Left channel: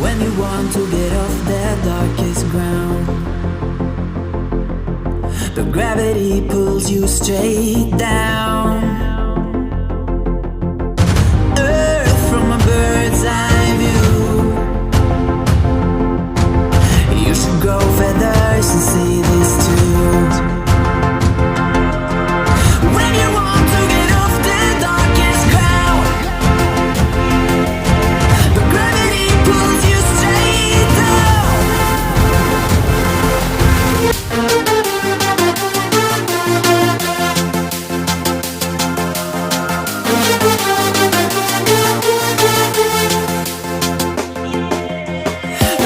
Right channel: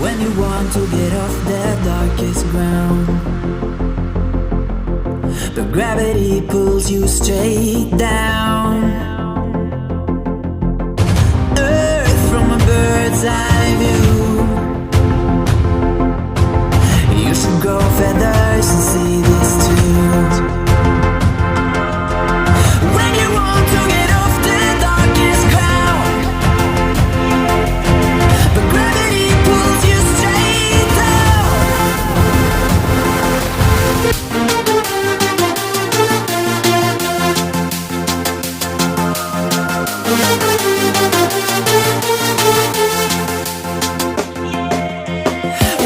When you want to get off the darkest ground, but gravity pulls you straight down. Earth from a bird's eye view. You should grow feathers and see this too. When you want to get off the darkest ground, but gravity pulls you straight down.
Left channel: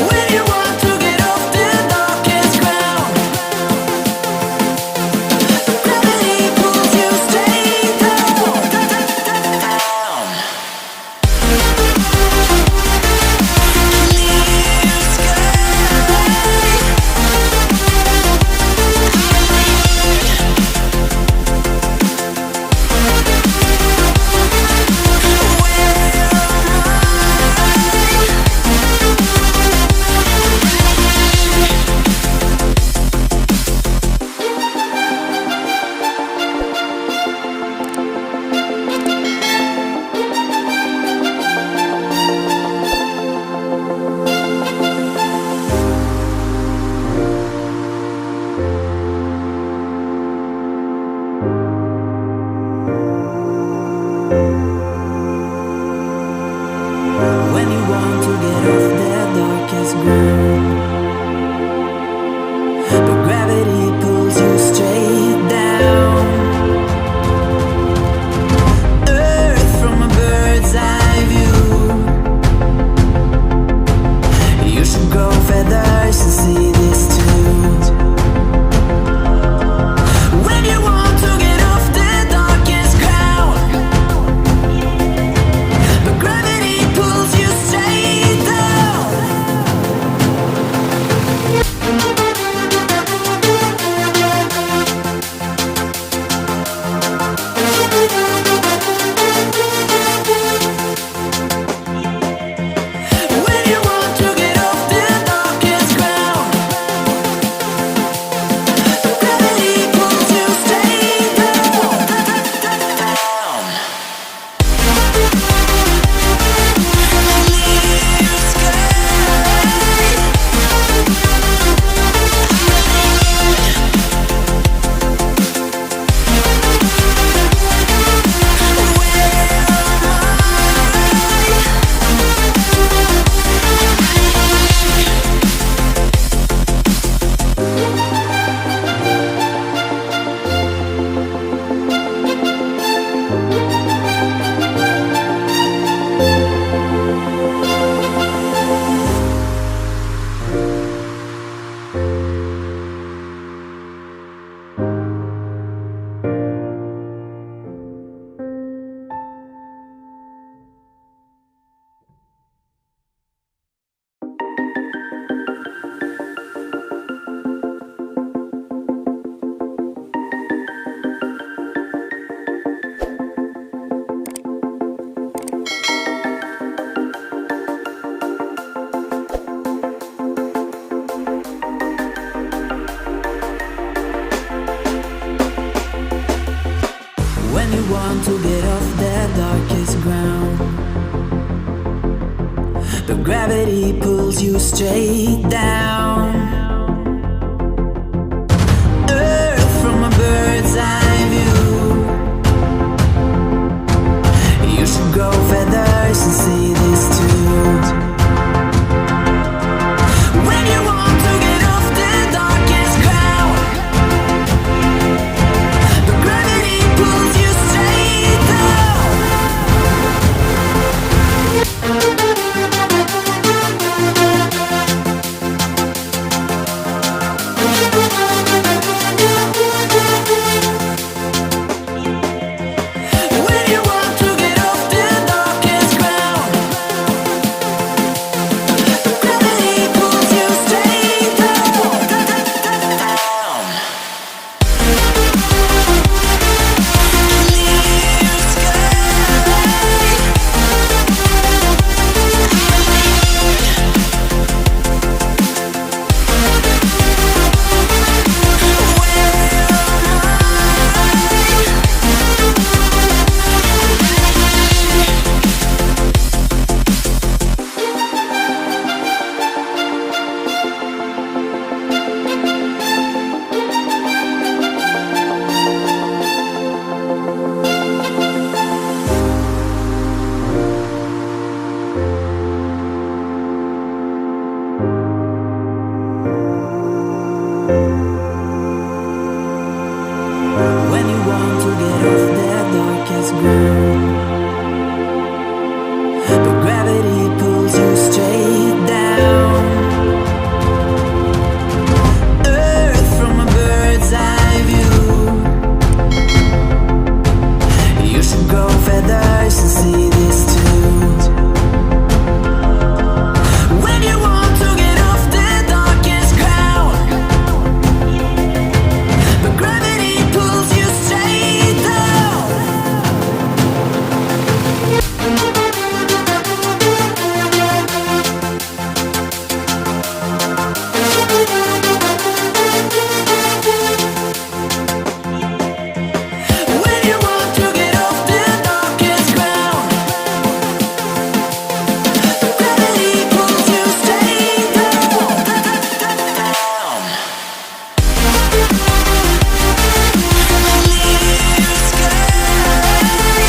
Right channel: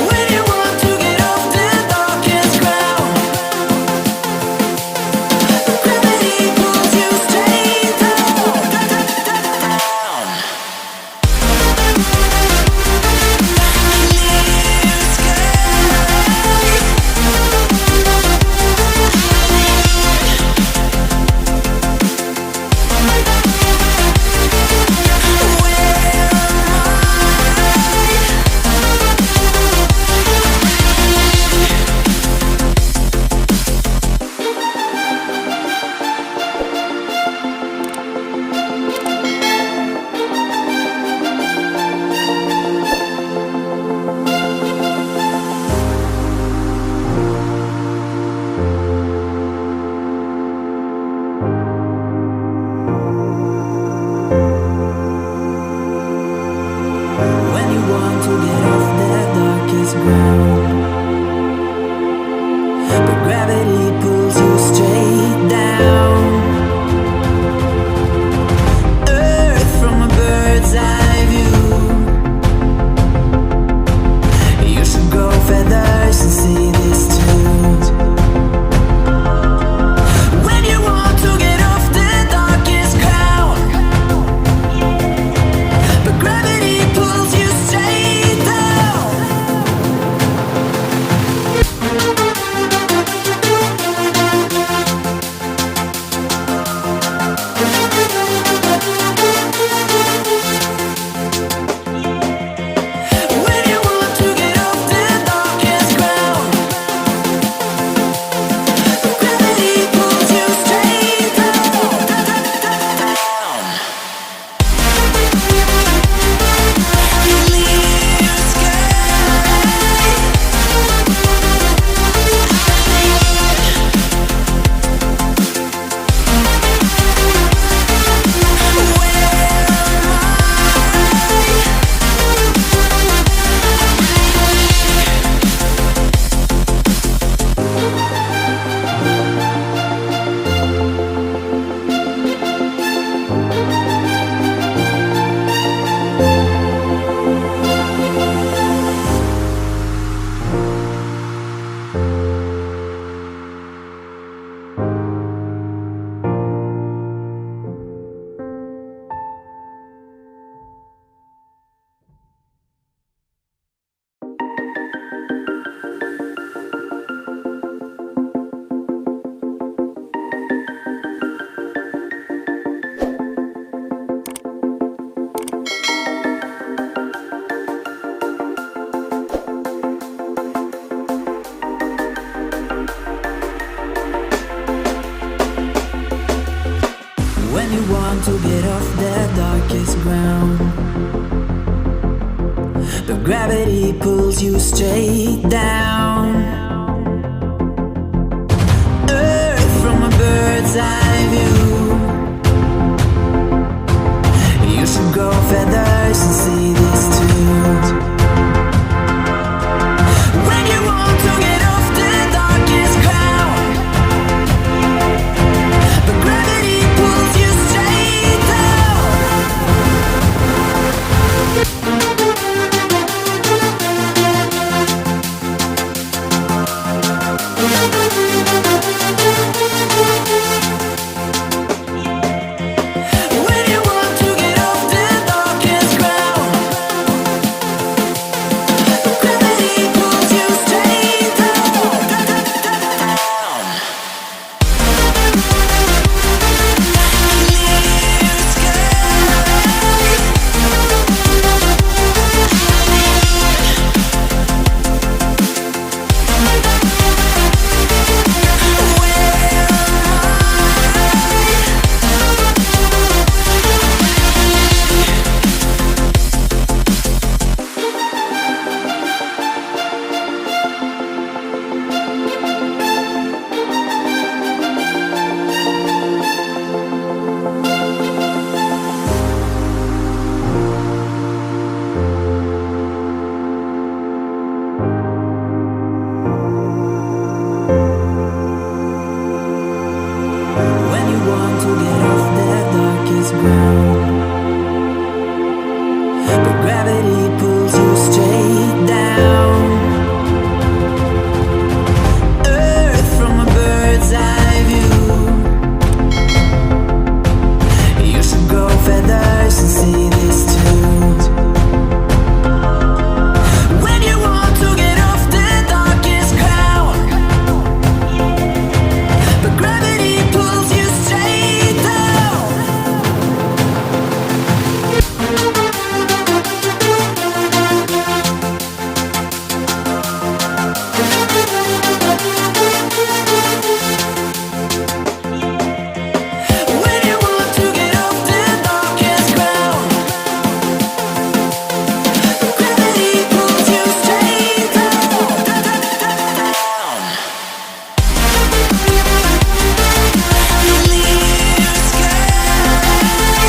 When you want to get off the darkest ground, but gravity pulls you straight down. Clear sky. When you want to get off the darkest ground, but gravity pulls you straight down. Earth from a bird's eye view. You should grow feathers and see this too. When you want to get off the darkest ground, but gravity pulls you straight down. When you want to get off the darkest ground, but gravity pulls you straight down. Clear sky. When you want to get off the darkest ground, but gravity pulls you straight down. Earth from a bird's eye view. You should grow feathers and see this too. When you want to get off the darkest ground, but gravity pulls you straight down. When you want to get off the darkest ground, gravity pulls you straight down. Earth from a bird's eye view. You should grow feathers and see this too. When you want to get off the darkest ground, but gravity pulls you straight down. When you want to get off the darkest ground, gravity pulls you straight down, down. Clear sky. Where am I?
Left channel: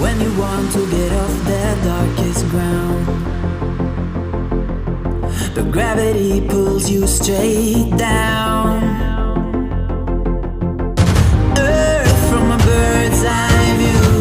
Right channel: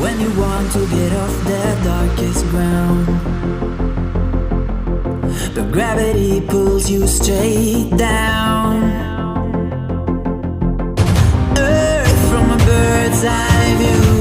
When you want to get off the darkest ground, but gravity pulls you straight down. Earth from a bird's eye view.